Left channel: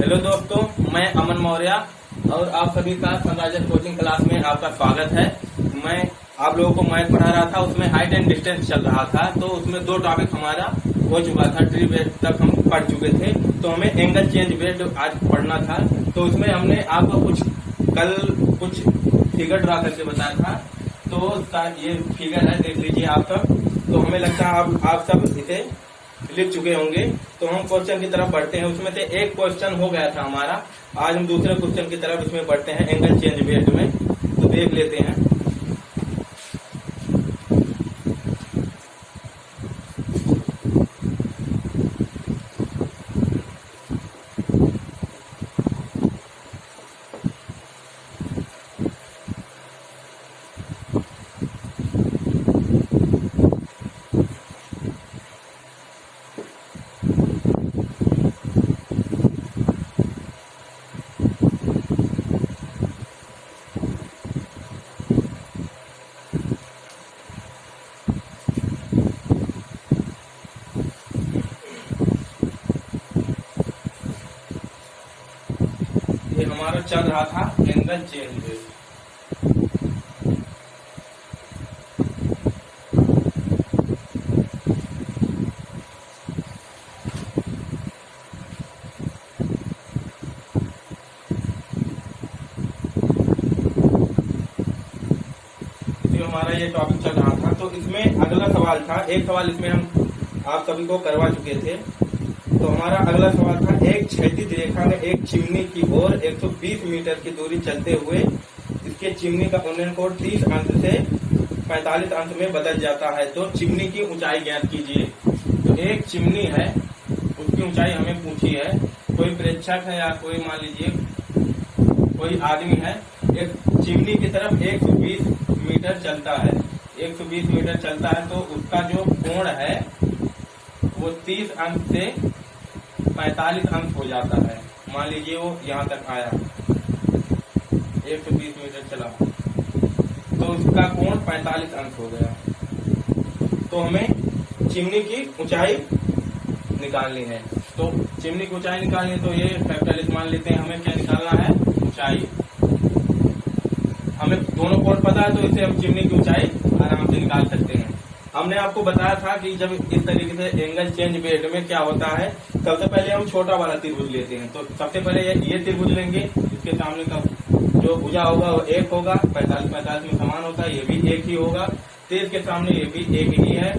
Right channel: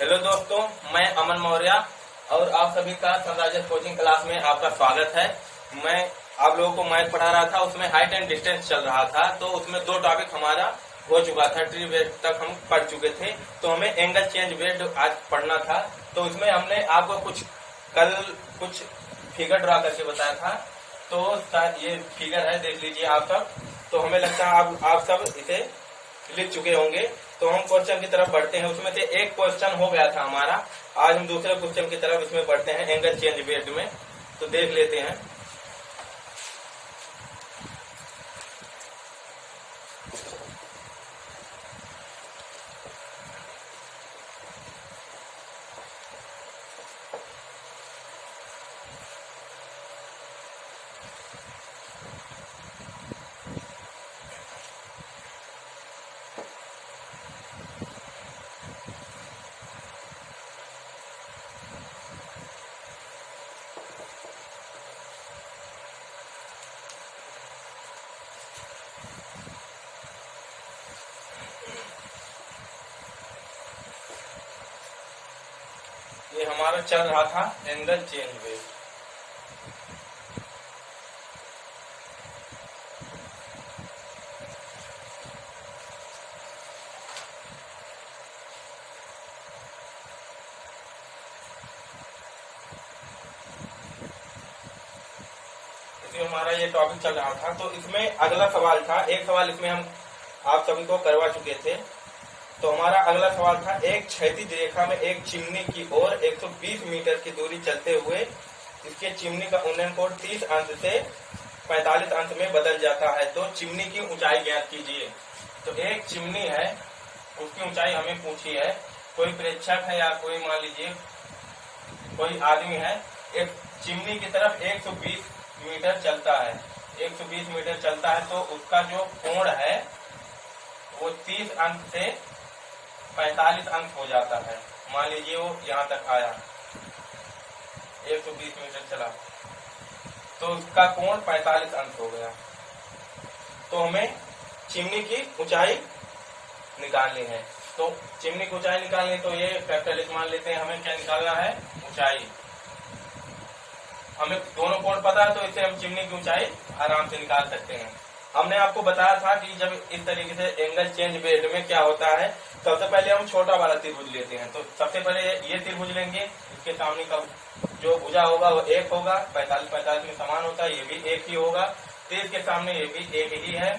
Hello दोस्तों, मैं अमन मौर्य और आप सभी का सनराइजर्स कोचिंग क्लास में आपका स्वागत है। मैं आप लोगों को मैथ पढ़ा रहा था, उसमें हाइट एंड डिस्टेंस चल रहा था। तो उसमें दो टॉपिक हमारा हो चुका था, ट्री बेस्ड तक हम पढ़ चुके थे। तो हमें एंगल चेंज बेस्ड आज पढ़ना था। तो इसमें हमने आपको कल कुछ फिगर ड्रा करके बताया था। तो ये फिगर है, देख लीजिए आप सब। तो हमें लगता है आप सब इसे लिख चुके होंगे। तो हम क्वेश्चन की तरफ बढ़ते हैं। उसमें से एक क्वेश्चन हो गया था हमारा। आज हम दूसरे क्वेश्चन की तरफ इसमें बढ़ते हैं एंगल चेंज बेस्ड में। तो देख लेते हैं। ये हमारा चल रहा था एंगल चेंज बेस्ड। हमारा ये टॉपिक चल रहा था। तो इसमें अगला सवाल था, एक सवाल इसमें हम आप सभी को करवा चुके थे। तो हमारा अगला सवाल था, एक क्षैतिज रेखा में एक चिमनी की ओर 120 मीटर की दूरी चलते हुए इसके चिमनी का उन्नयन कोण 30 अंश से 45 अंश में बदल जाता है। तो चिमनी की ऊंचाई ज्ञात कीजिए। तो एक चिमनी है, उसकी ऊंचाई हमें पूछी है। कोई प्रेक्षक है या कोई मान लीजिए कोई आदमी है, एक चिमनी की तरफ 120 मीटर चलता है। 120 मीटर चलता है तो उसका जो कोण है वो 30 अंश से 45 अंश हो जाता है। मान लीजिए वो यहाँ तक आया, 120 मीटर चला तो उसका कोण 45 अंश हो गया। तो हमें चिमनी की ऊंचाई निकालनी है। तो चिमनी की ऊंचाई निकालनी है तो ये फैक्टर मान लेते हैं। हमें क्या निकालना है? ऊंचाई। हमें दोनों कोण पता है तो इससे हम चिमनी की ऊंचाई आराम से निकाल सकते हैं। हमने आपको बताया था कि जब इस तरीके से एंगल चेंज बेस्ड में क्या होता है, सबसे पहले हम छोटा वाला त्रिभुज लेते हैं। तो सबसे पहले ये त्रिभुज लेंगे, इसके सामने का जो भुजा होगा वो एक होगा, 45-45 में समान होता है, ये भी एक ही होगा। तो इसके सामने ये भी एक ही है,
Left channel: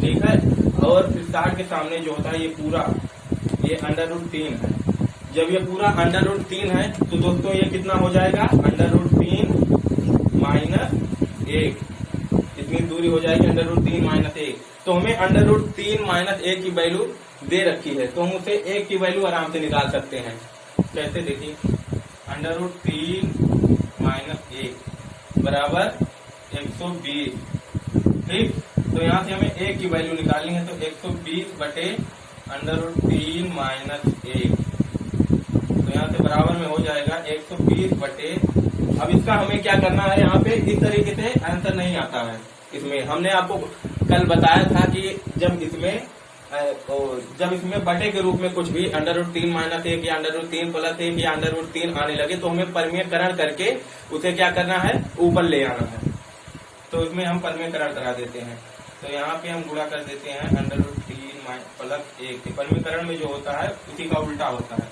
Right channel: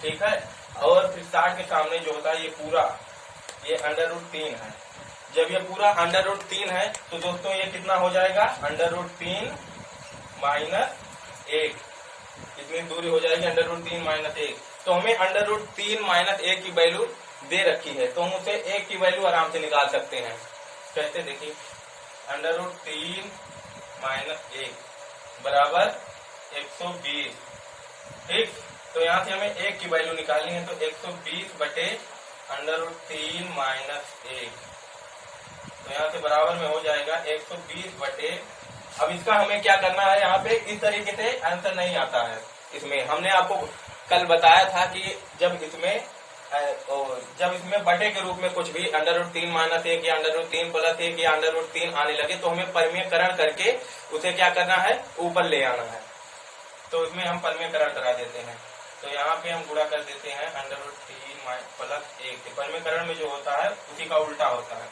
ठीक है। और 60 के सामने जो होता है ये पूरा, ये √3 है। जब ये पूरा √3 है तो दोस्तों ये कितना हो जाएगा? √3 - 1। इतनी दूरी हो जाएगी √3 - 1। तो हमें √3 - 1 की वैल्यू दे रखी है, तो हम उसे 1 की वैल्यू आराम से निकाल सकते हैं। कैसे? देखिए, √3 - 1 बराबर 120। ठीक, तो यहाँ से हमें 1 की वैल्यू निकालनी है। तो 120 बटे √3 - 1, तो यहाँ से बराबर में हो जाएगा 120 बटे। अब इसका हमें क्या करना है? यहाँ पे इस तरीके से आंसर नहीं आता है। इसमें हमने आपको कल बताया था कि जब इसमें बटे के रूप में कुछ भी √3 - 1 या √3 + 1 या √3 आने लगे तो हमें परिमेयकरण करके उसे क्या करना है? ऊपर ले आना है। तो इसमें हम परिमेयकरण करा देते हैं। तो यहाँ पे हम गुणा कर देते हैं √3 + 1। परिमेयकरण में जो होता है उसी का उल्टा होता है।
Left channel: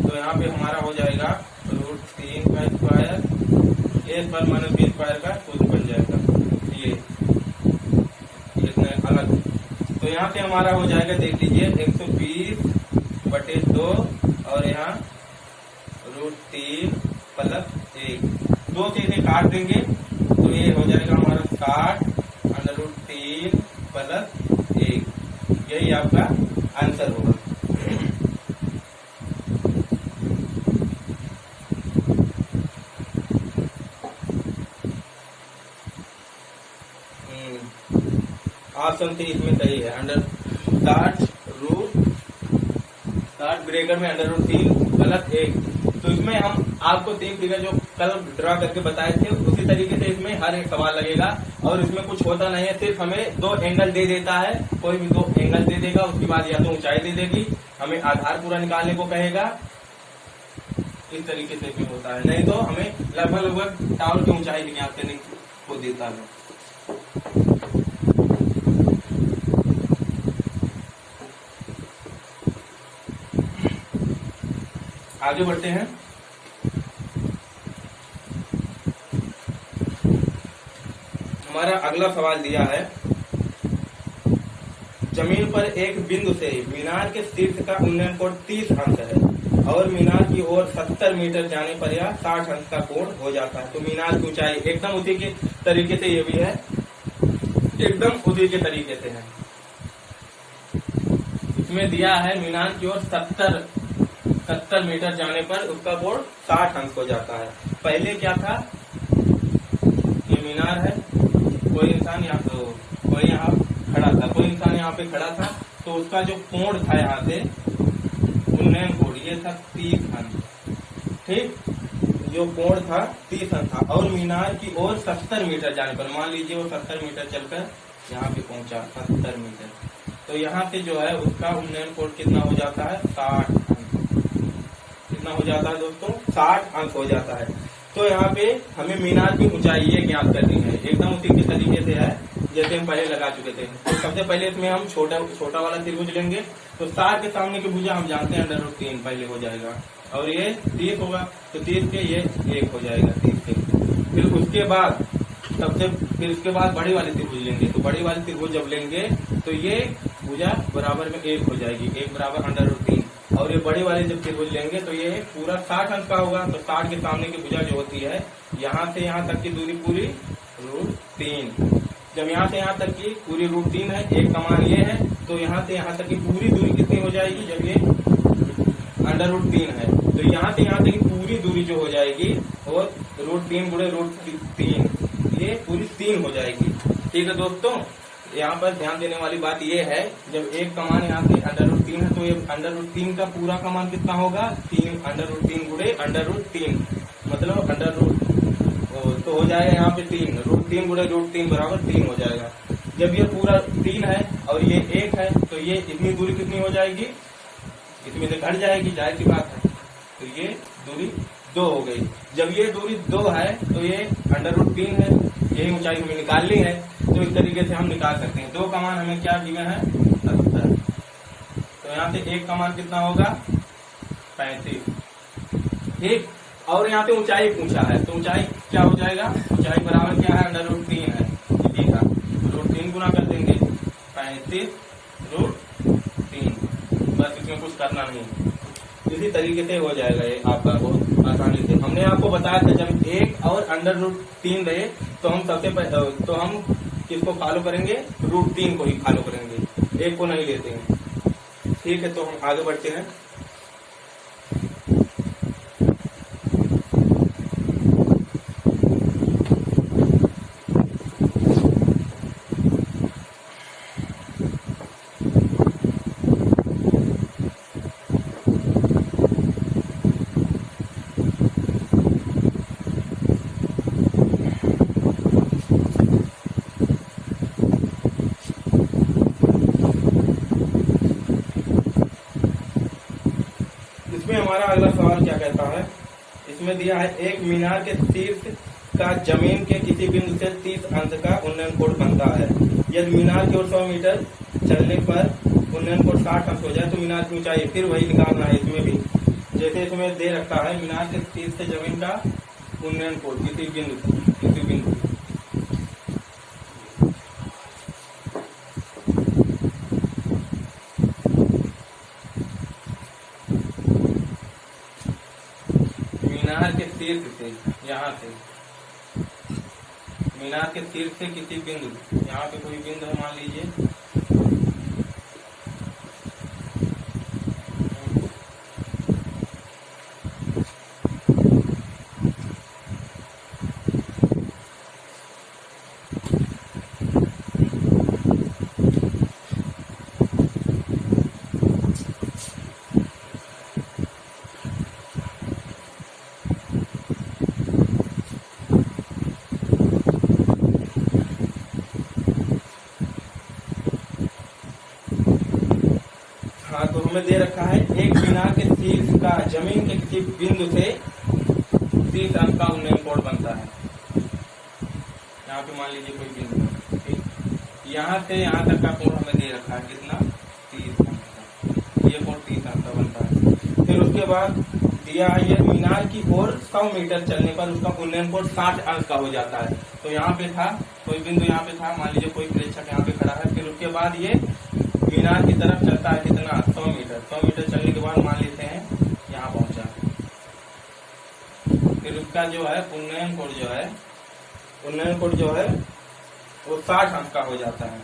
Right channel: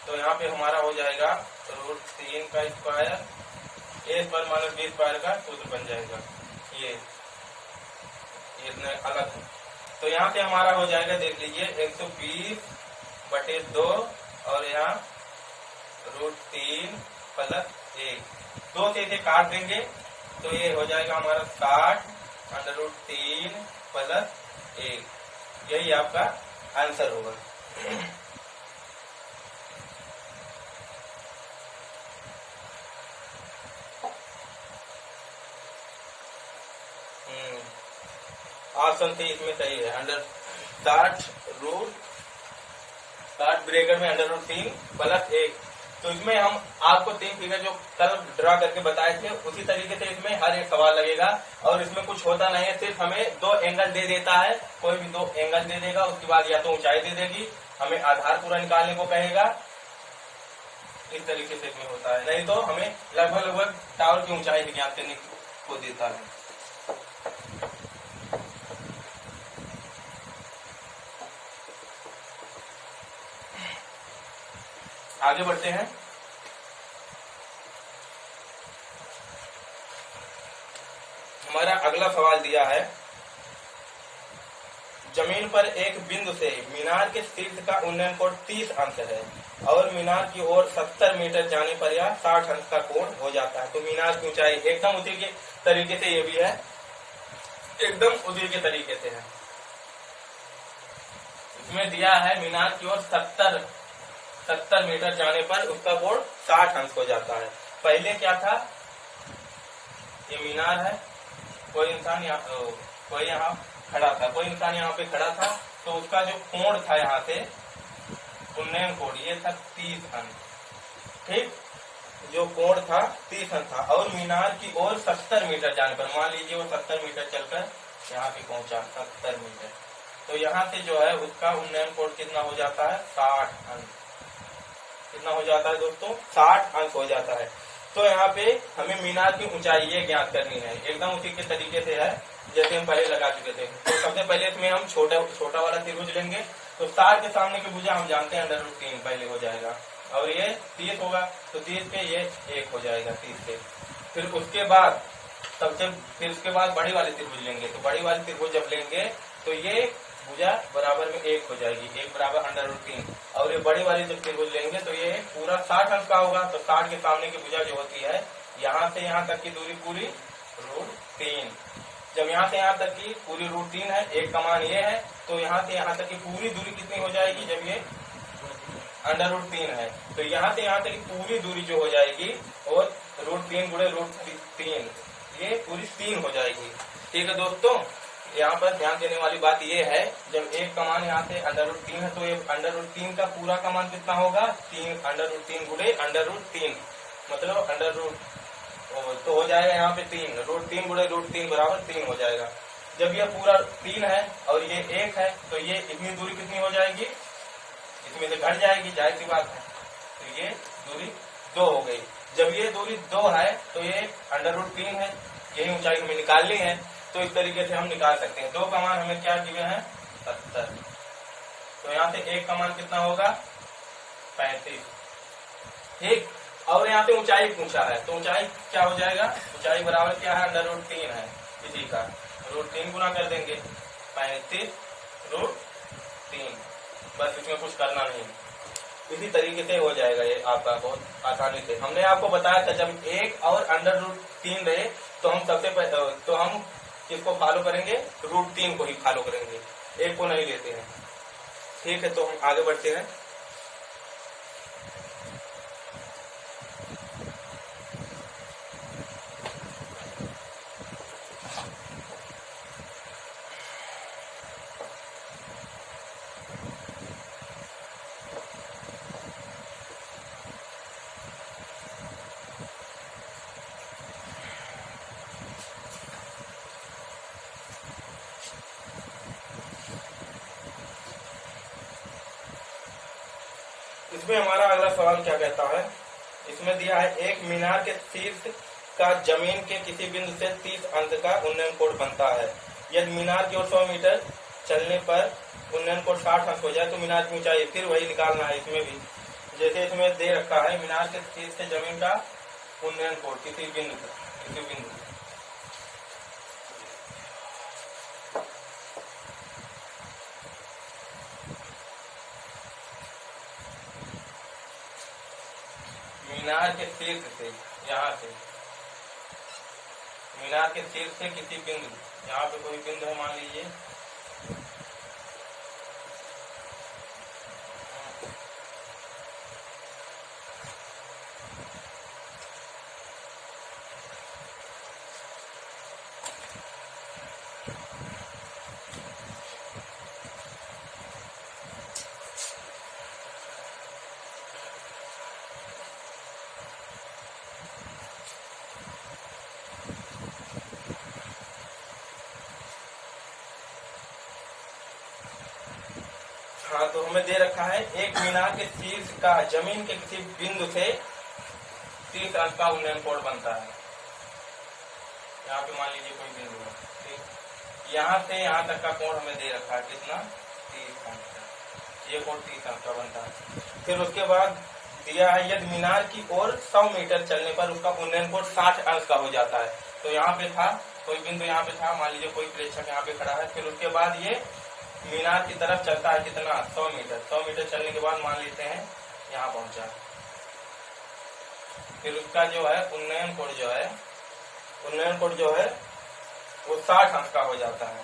तो यहाँ पे हमारा हो जाएगा √3 का स्क्वायर, a² - b² का सूत्र बन जाएगा। ये इतने अलग है। तो यहाँ से हमारा हो जाएगा, देख लीजिए, 120 बटे 2 और यहाँ √3 + 1। 2 से इसे काट देंगे तो ये हो जाएगा हमारा 60 √3 + 1। यही आपका आंसर होगा। ऑप्शन सी इसमें सही है। 60 ब्रैकेट में √3 + 1। तो इसमें हम आपको 3 फिगर जो कल ड्रा करके बताए थे उसी तरीके से इसमें हर एक सवाल लगेगा। और इसमें कुछ होता नहीं है, सिर्फ हमें 2 एंगल दे देता है। कोई भी 2 एंगल दे देगा, उसके बाद या तो ऊंचाई दे देगी, हमें आधार पूरा निकालने को कहेगा, इस तरीके से इसमें होता है, नहीं तो हमें लगभग लगभग टावर की ऊंचाई भी ज्ञात करने को देता है। आगे बढ़ते हैं। हमारा अगला सवाल दिया है, जमीन पर एक बिंदु से मीनार के शीर्ष का उन्नयन कोण 30 अंश है और मीनार की ओर 70 मीटर जाने पर यह 60 अंश का कोण हो जाता है। तो मीनार की ऊंचाई एकदम उसी के तरीके से ये भी है, एकदम उसी के तरीके से है। इसमें दिया है मीनार की ओर 70 मीटर जाने पर उसका कोण 60 अंश हो जाता है। पहले क्या था, ये मीनार है, कोई इंसान यहाँ खड़ा था, कोई इंसान यहाँ पे खड़ा था, तो उसका जो कोण था यहाँ से उन्नयन कोण ये था 30 अंश, ठीक। जो कोण था 30 अंश था और मीनार की ओर 70 मीटर जाने पर, मान लीजिए वो 70 मीटर चलकर यहाँ पे पहुंचा 70 मीटर, तो यहाँ से जो है उसका उन्नयन कोण कितना हो जाता है 60 अंश। कितना हो जाता है दोस्तों, 60 अंश हो जाता है। तो यहाँ पे हमें मीनार की ऊंचाई ये ज्ञात करनी है, एकदम उसी के तरीके से है जैसे हम पहले लगा चुके थे। तो सबसे पहले इसमें हम छोटा वाला त्रिभुज लेंगे। तो 60 के सामने की भुजा हम जानते हैं √3 पहले हो जाएगा, और ये 30 होगा तो 30 के ये 1 हो जाएगा 30 के। फिर उसके बाद बड़ी वाली त्रिभुज लेंगे। तो बड़ी वाली त्रिभुज जब लेंगे तो ये भुजा बराबर में 1 हो जाएगी, 1 बराबर √3। और ये बड़ी वाली जब त्रिभुज लेंगे तो ये पूरा 60 अंश का होगा। तो 60 के सामने की भुजा जो होती है, यहाँ से यहाँ तक की दूरी पूरी √3। जब यहाँ से यहाँ तक की पूरी √3 है, एक कमान ये है, तो यहाँ से यहाँ तक की पूरी दूरी कितनी हो जाएगी, जब ये √3 है तो यहाँ से यहाँ तक की पूरी दूरी जो हो जाएगी और √3 गुणे √3 ये पूरी 3 हो जाएगी। ठीक है दोस्तों, यहाँ पर ध्यान देने वाली बात ये है, जब एक कमान यहाँ से √3 है तो ये √3 का पूरा कमान कितना होगा, 3 √3 गुणे √3 मतलब तो हो जाएगा यहाँ पे 3 √3 गुणे √3 बराबर 3 हो जाएगा। जब ये पूरा 3 है और ये 1 है तो ये इतनी दूरी कितनी हो जाएगी, इसमें से घट जाएगी, जाहिर सी बात है। तो ये दूरी 2 हो गई। जब ये दूरी 2 है तो ये √3 है, यही ऊंचाई हमें निकालनी है। तो इस तरीके से हम निकाल सकते हैं। 2 कमान हमें क्या दिए हैं 70, तो यहाँ से एक कमान कितना होगा 35, ठीक। और यहाँ पे ऊंचाई पूछा है तो ऊंचाई क्या हो जाएगा, ऊंचाई बराबर क्या है √3 है, इसी का √3 गुना कर देंगे 35 √3, बस इसमें कुछ करना नहीं है। इसी तरीके से हो जाएगा ये आपका बहुत आसानी से। हमने आपको बताया था जब 1 और √3 रहे तो हम तो हम इसको फॉलो करेंगे, √3 को ही फॉलो करेंगे, 1 को नहीं लेते हैं। ठीक है, तो हम आगे बढ़ते हैं। हमारा अगला सवाल क्या कहता है, इसमें दिया है एक मीनार के शीर्ष का जमीन के किसी बिंदु से 30 अंश का उन्नयन कोण बनता है। यदि मीनार की ओर 100 मीटर चलने पर उन्नयन कोण 60 अंश हो जाए तो मीनार की ऊंचाई फिर वही निकालना है। इसमें भी जैसे इसमें दे रखा है मीनार के शीर्ष से जमीन का उन्नयन कोण किसी बिंदु मीनार के शीर्ष से, यहाँ से मीनार के शीर्ष से किसी बिंदु, यहाँ पे कोई बिंदु है मान लीजिए, हाँ, तो हमें दे रखा है एक मीनार के शीर्ष इसका जमीन के किसी बिंदु से 30 अंक का उन्नयन कोण बनता है। यहाँ पे मान लीजिए कोई बिंदु है, ठीक, यहाँ से यहाँ तक का कोण हमें दे रखा है कितना, 30 अंक का, ये कोण 30 अंक का बनता है। फिर उसके बाद दिया है यदि मीनार की ओर 100 मीटर चलने पर उसका उन्नयन कोण 60 अंक का हो जाता है। तो यहाँ पे था कोई बिंदु, यहाँ पे था, मान लीजिए कोई प्रेक्षक यहाँ पे खड़ा है। फिर उसके बाद ये मीनार की तरफ चलता है कितना, 100 मीटर। 100 मीटर चलने के बाद मान लेते हैं यहाँ पहुंचा, फिर उसका जो है उन्नयन कोण जो है वो 60 अंक का हो जाता है।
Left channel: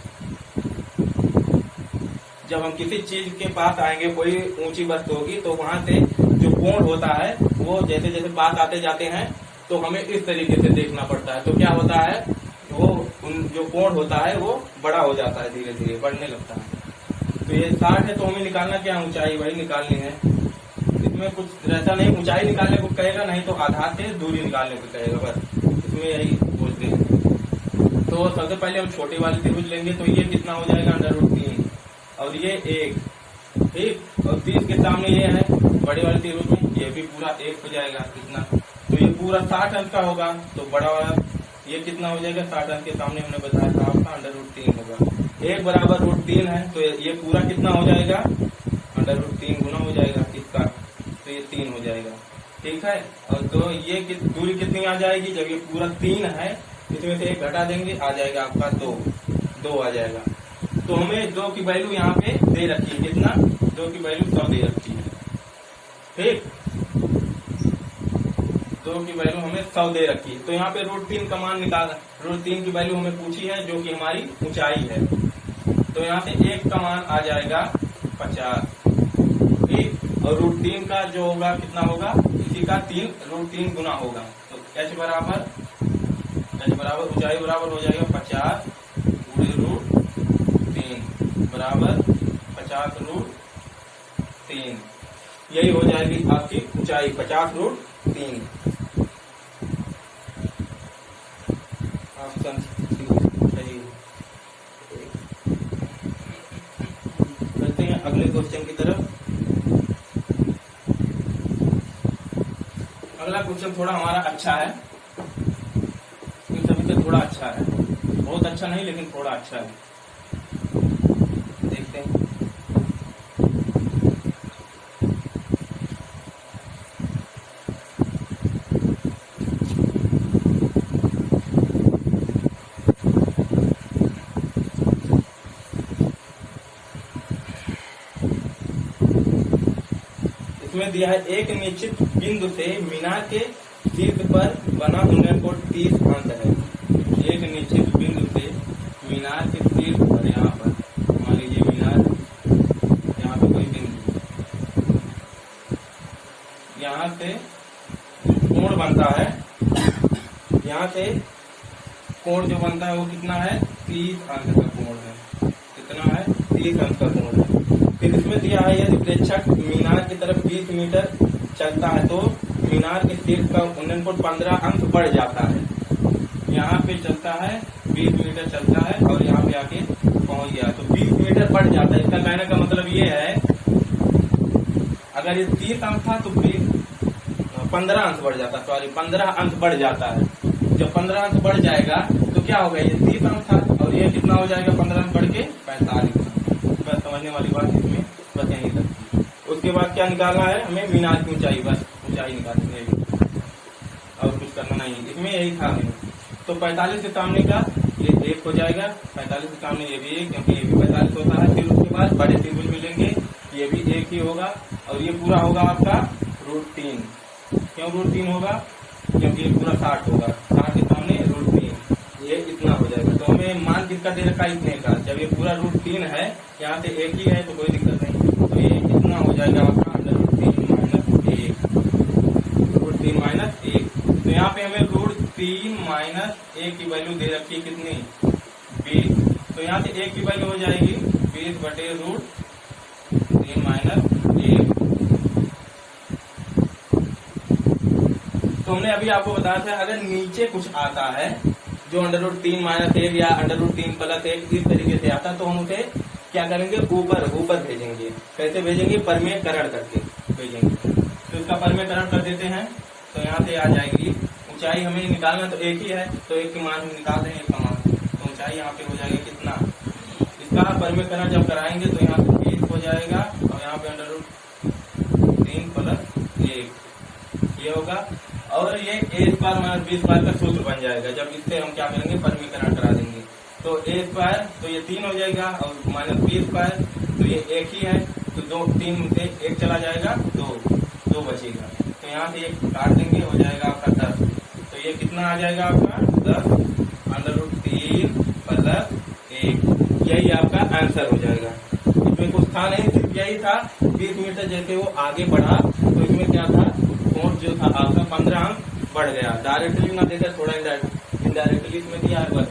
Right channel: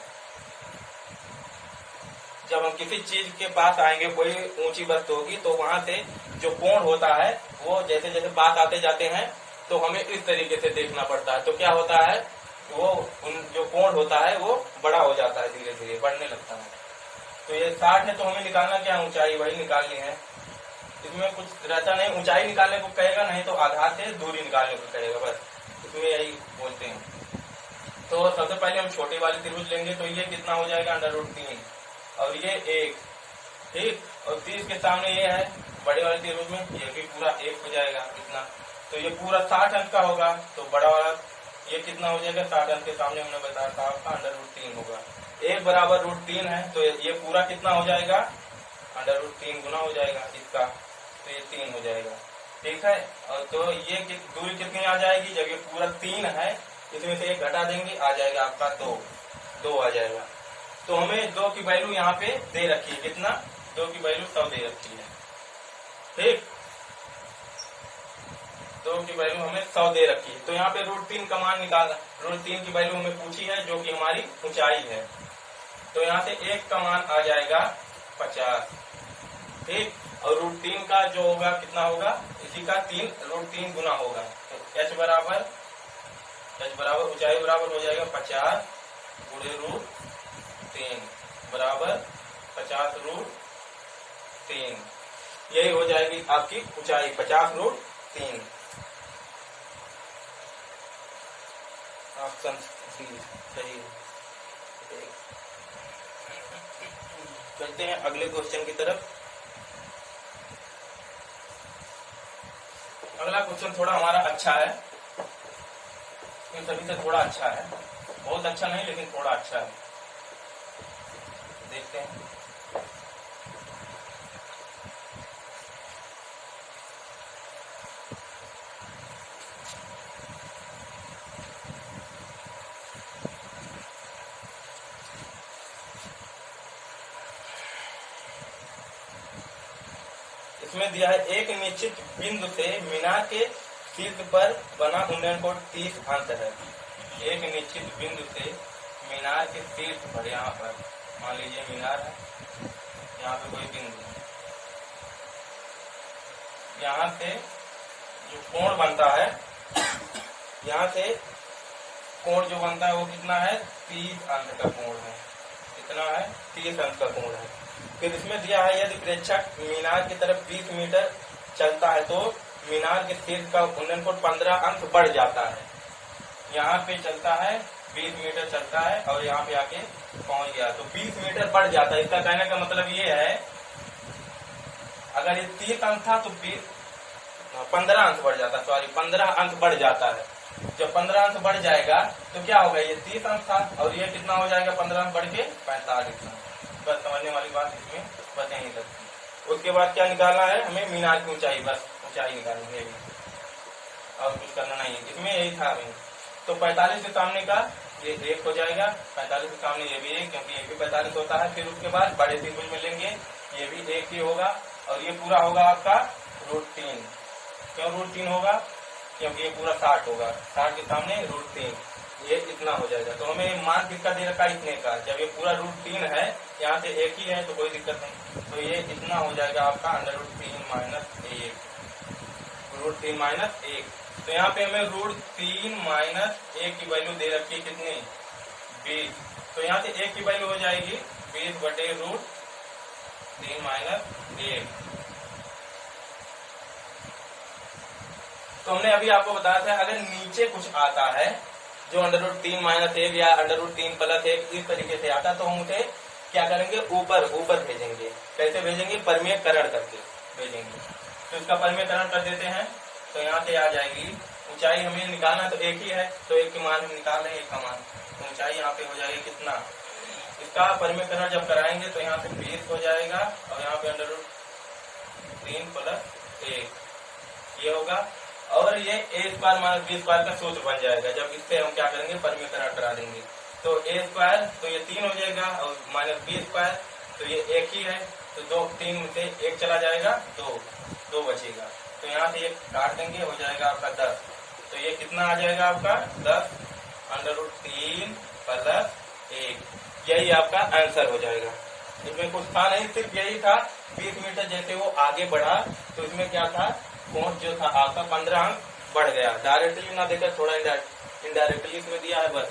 जब हम किसी चीज के पास आएंगे, कोई ऊंची वस्तु होगी, तो वहां से जो कोण होता है वो जैसे जैसे पास आते जाते हैं तो हमें इस तरीके से देखना पड़ता है। तो क्या होता है, वो जो कोण होता है वो बड़ा हो जाता है, धीरे धीरे बढ़ने लगता है। तो ये 60 है, तो हमें निकालना क्या, ऊंचाई वही निकालनी है। इसमें कुछ रहता नहीं, ऊंचाई निकालने को कहेगा, नहीं तो आधार से दूरी निकालने को कहेगा, बस इसमें यही बोलते हैं। तो सबसे पहले हम छोटे वाली त्रिभुज लेंगे, तो ये कितना हो जाएगा, √3, और ये 1, ठीक, और 30 के सामने ये है बड़े वाले त्रिभुज में, ये भी पूरा 1 हो जाएगा कितना, तो ये पूरा 60 अंक का होगा। तो बड़ा वाला ये कितना हो जाएगा, 60 अंक के सामने हमने बताया था आपका √3 होगा। 1 बराबर √3 है, तो ये पूरा कितना हो जाएगा, √3 गुना हो जाएगा इसका, तो ये 3 हो जाएगा, ठीक है। और तो ये दूरी कितनी आ जाएगी, जब ये पूरा 3 है, इसमें से 1 घटा देंगे, आ जाएगा आपका 2 आ जाएगा। तो हमें 2 की वैल्यू यहाँ पे दे रखी है, कितना, 2 की वैल्यू 100 दे रखी है, ठीक, 2 की वैल्यू हमें 100 दे रखी है। तो यहाँ पे √3 का मान निकालना, √3 की वैल्यू हमें पूछी है, जो कि हमारी ऊंचाई है। तो यहाँ से 1 का मान आ जाएगा 50, ठीक, और √3 का जो होगा कितना होगा, इसी का √3 गुना होगा। तो h बराबर ऊंचाई बराबर हो जाएगा 50 गुणे √3 बराबर 50 √3, यही हो जाएगी आपकी ऊंचाई 50 √3। ऑप्शन सही है। चलते हैं अगले क्वेश्चन की तरफ। अगला क्वेश्चन थोड़ा हमारा अच्छा है, इन सभी से थोड़ा अच्छा है, बहुत अच्छा नहीं लेकिन थोड़ा अच्छा है, देखते हैं। इसमें दिया है एक निश्चित बिंदु से मीनार के शीर्ष पर बना उन्नयन कोण 30 अंक है। एक निश्चित बिंदु से मीनार के शीर्ष पर, यहाँ पर मान लीजिए मीनार, यहाँ पे कोई बिंदु, यहाँ से जो कोण बनता है, यहाँ से कोण जो बनता है वो कितना है, 30 अंक का कोण है, कितना है, 30 अंक का कोण है। फिर इसमें दिया है यदि प्रेक्षक मीनार की तरफ 20 मीटर चलता है तो मीनार के शीर्ष का उन्नयन कोण 15 अंक बढ़ जाता है। यहाँ पे चलता है 20 मीटर चलता है और यहाँ पे आके पहुंच गया तो 20 मीटर बढ़ जाता है। इसका कहने का मतलब ये है, अगर ये 30 अंक था तो 15 अंक बढ़ जाता, सॉरी 15 अंक बढ़ जाता है। जब 15 अंक बढ़ जाएगा तो क्या होगा, ये 30 अंक था और ये कितना हो जाएगा, 15 अंक बढ़ के 45 अंक। बस समझने वाली बात इसमें बस यहीं तक। उसके बाद क्या निकालना है हमें, मीनार की ऊंचाई, बस ऊंचाई निकालनी है, और कुछ करना नहीं है इसमें, यही था हमें। तो 45 के सामने का ये 1 हो जाएगा, 45 के सामने ये भी 1, क्योंकि ये भी 45 होता है। फिर उसके बाद बड़े त्रिभुज में लेंगे, ये भी 1 ही होगा और ये पूरा होगा आपका √3। क्यों √3 होगा, क्योंकि ये पूरा 60 होगा, 60 के सामने √3, ये इतना हो जाएगा। तो हमें मान किसका दे रखा है, इतने का। जब ये पूरा √3 है, यहाँ से 1 ही है तो कोई दिक्कत नहीं, तो ये इतना हो जाएगा आपका √3 - 1, √3 - 1। तो यहाँ पे हमें √3 - 1 की वैल्यू दे रखी है कितनी, 20। तो यहाँ से 1 की वैल्यू हो जाएगी 20 बटे √3 - 1। तो हमने अभी आपको बताया था, अगर नीचे कुछ आता है जो √3 - 1 या √3 + 1 इस तरीके से आता, तो हम उसे क्या करेंगे, ऊपर भेजेंगे। कैसे भेजेंगे, परिमेयकरण करके भेजेंगे। तो इसका परिमेयकरण कर देते हैं। तो यहाँ से आ जाएगी ऊंचाई, हमें निकालना तो एक ही है, तो एक की मान हम निकाल रहे हैं, एक का मान, तो ऊंचाई यहाँ पे हो जाएगी कितना, इसका परिमेयकरण जब कराएंगे तो यहाँ पे 20 हो जाएगा और यहाँ पे √3 + 1 ये होगा। और ये a² - b² का सूत्र बन जाएगा जब इससे हम क्या करेंगे, परिमेयकरण करा देंगे। तो a² तो ये 3 हो जाएगा और -b² तो ये एक ही है, तो 3 में से 1 चला जाएगा, 2 बचेगा। तो यहाँ से ये काट देंगे, हो जाएगा आपका 10। तो ये कितना आ जाएगा आपका 10 √3 + 1, यही आपका आंसर हो जाएगा। इसमें कुछ था नहीं, सिर्फ यही था 20 मीटर जैसे वो आगे बढ़ा तो इसमें क्या था, कोण जो था आपका 15 अंक बढ़ गया। डायरेक्टली ना देकर थोड़ा इनडायरेक्टली इसमें दिया है बस।